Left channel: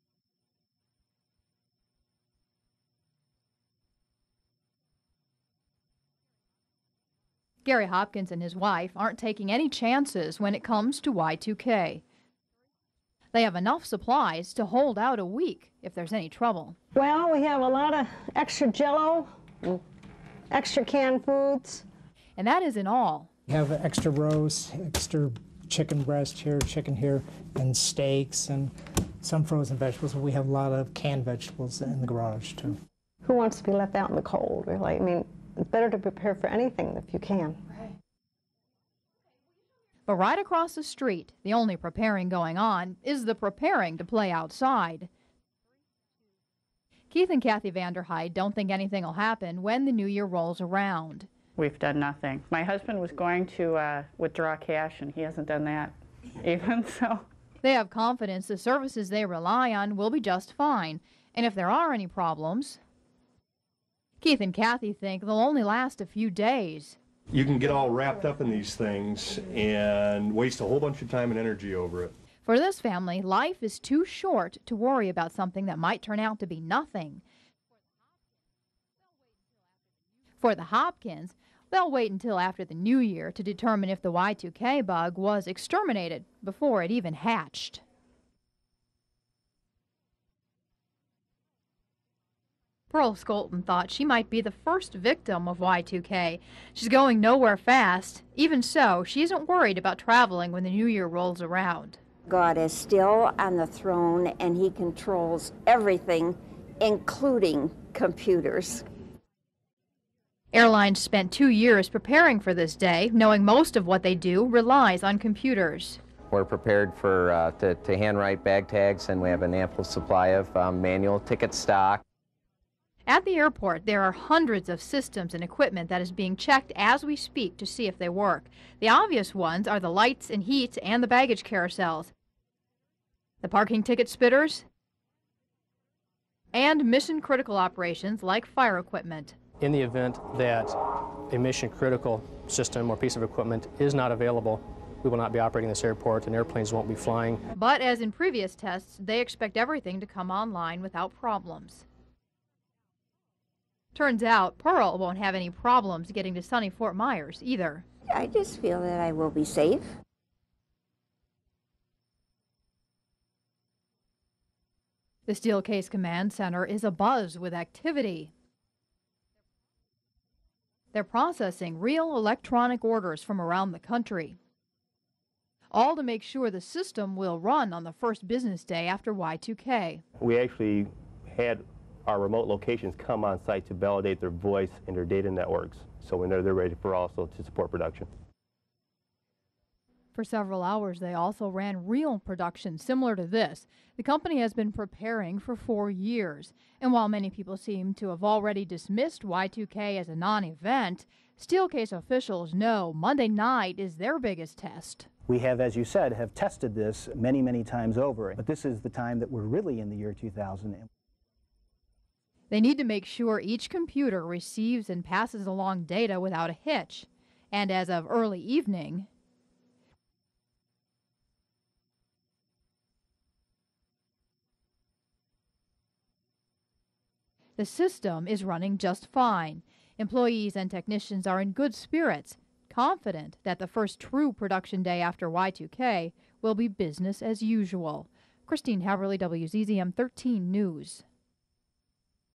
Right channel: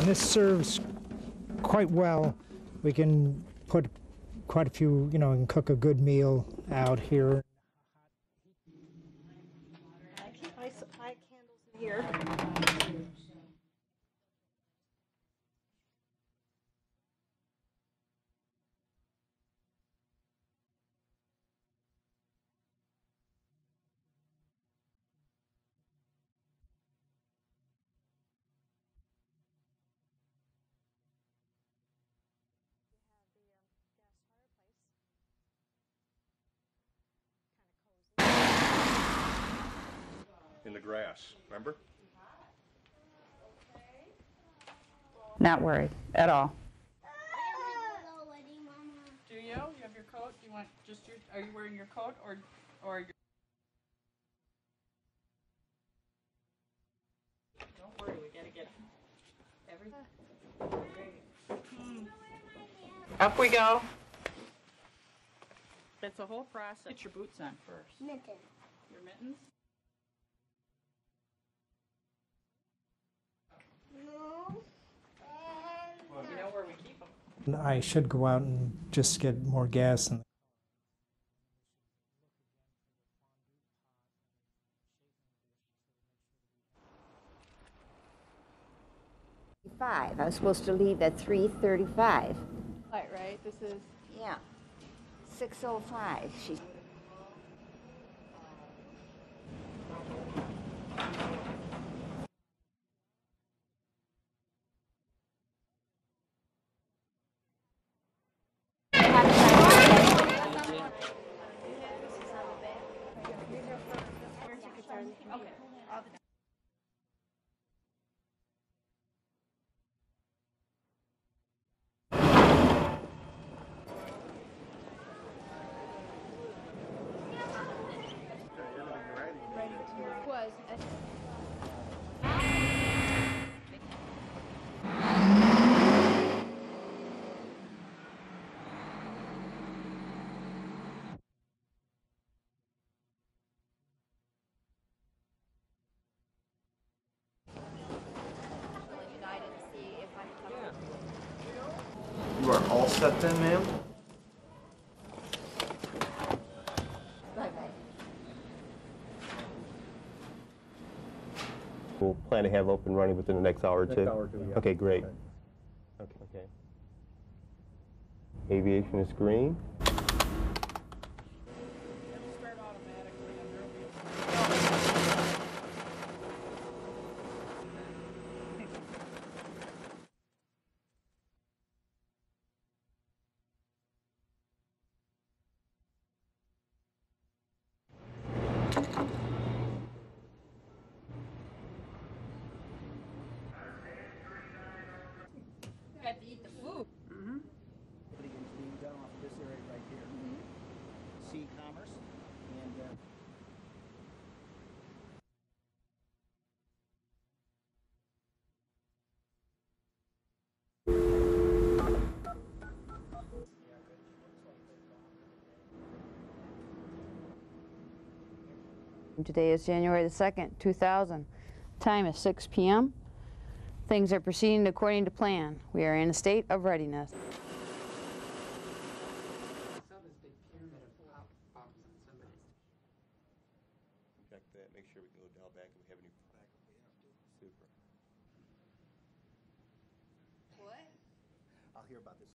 And this serves quite well. We can put quite a few, and cook a good meal out here. Gary Hopkins and his wife aren't taking any chances when it comes to Y2K. They have enough supplies to hold out a week if there's any trouble. Well, we have a lot of extra Jell-O, extra canned foods. And that isn't all. We have extra roast, extra chicken breast here, chicken here, and steaks, and some frozen vegetables. We have a lot of canned vegetables in the garage, too. Who wants to be left out in the cold, really? I mean, it's better to prepare for anything if you can. But right across the street, the only preparing going on is the preparing to play outside. Not worried at all. Keith and Kathy Vanderhyde don't think anything will happen when the new year rolls around. We've done nothing. My husband was going to withdraw cash, and he hasn't done that even, so. They have confidence the services they rely on will be just fine. And if there are any problems, up we go. Keith and Kathy think they'll only last a few days. You can get all wrapped up in these things and waste a whole bunch of time and energy over it. For this family, life is too short to worry about something that might turn out to be nothing. I should go out and just get more gas. For the Hopkins, they'll wait until after the new year to determine if the Y2K bug was exterminated before it even hatched. I was supposed to leave at 3:35. Pearl Skolton thought she might be the first victim of Y2K. She's going nowhere fast. Even so, she isn't worried about traveling when the new year rolls around. God is still on the throne, and he controls everything, including computers. Airlines spent 2 years preparing for this day, knowing most of what they do relies on computers. We're prepared for to handwrite bag tags, and we have an ample supply of manual ticket stock. At the airport, there are hundreds of systems and equipment that is being checked as we speak to see if they work. The obvious ones are the lights and heat and the baggage carousels, the parking ticket spitters, and mission-critical operations like fire equipment. In the event that a mission-critical system or piece of equipment is not available, we will not be operating this airport and airplanes won't be flying. But as in previous tests, they expect everything to come online without problems. You are all set then, ma'am? Turns out Pearl won't have any problems getting to sunny Fort Myers either. I just feel that I will be safe. We'll plan to have open running within the next hour or two. Yeah. Okay, great. The Steelcase Command Center is abuzz with activity. Aviation is green. They're processing real electronic orders from around the country, all to make sure the system will run on the first business day after Y2K. We actually had our remote locations come on site to validate their voice and their data networks. So when they're ready for also to support production. For several hours, they also ran real production similar to this. The company has been preparing for 4 years. And while many people seem to have already dismissed Y2K as a non-event, Steelcase officials know Monday night is their biggest test. We have, as you said, have tested this many, many times over. But this is the time that we're really in the year 2000. They need to make sure each computer receives and passes along data without a hitch. And as of early evening, today is January the 2nd, 2000. Time is 6 p.m. Things are proceeding according to plan. We are in a state of readiness. The system is running just fine. Employees and technicians are in good spirits, confident that the first true production day after Y2K will be business as usual. Christine Haverly, WZZM 13 News.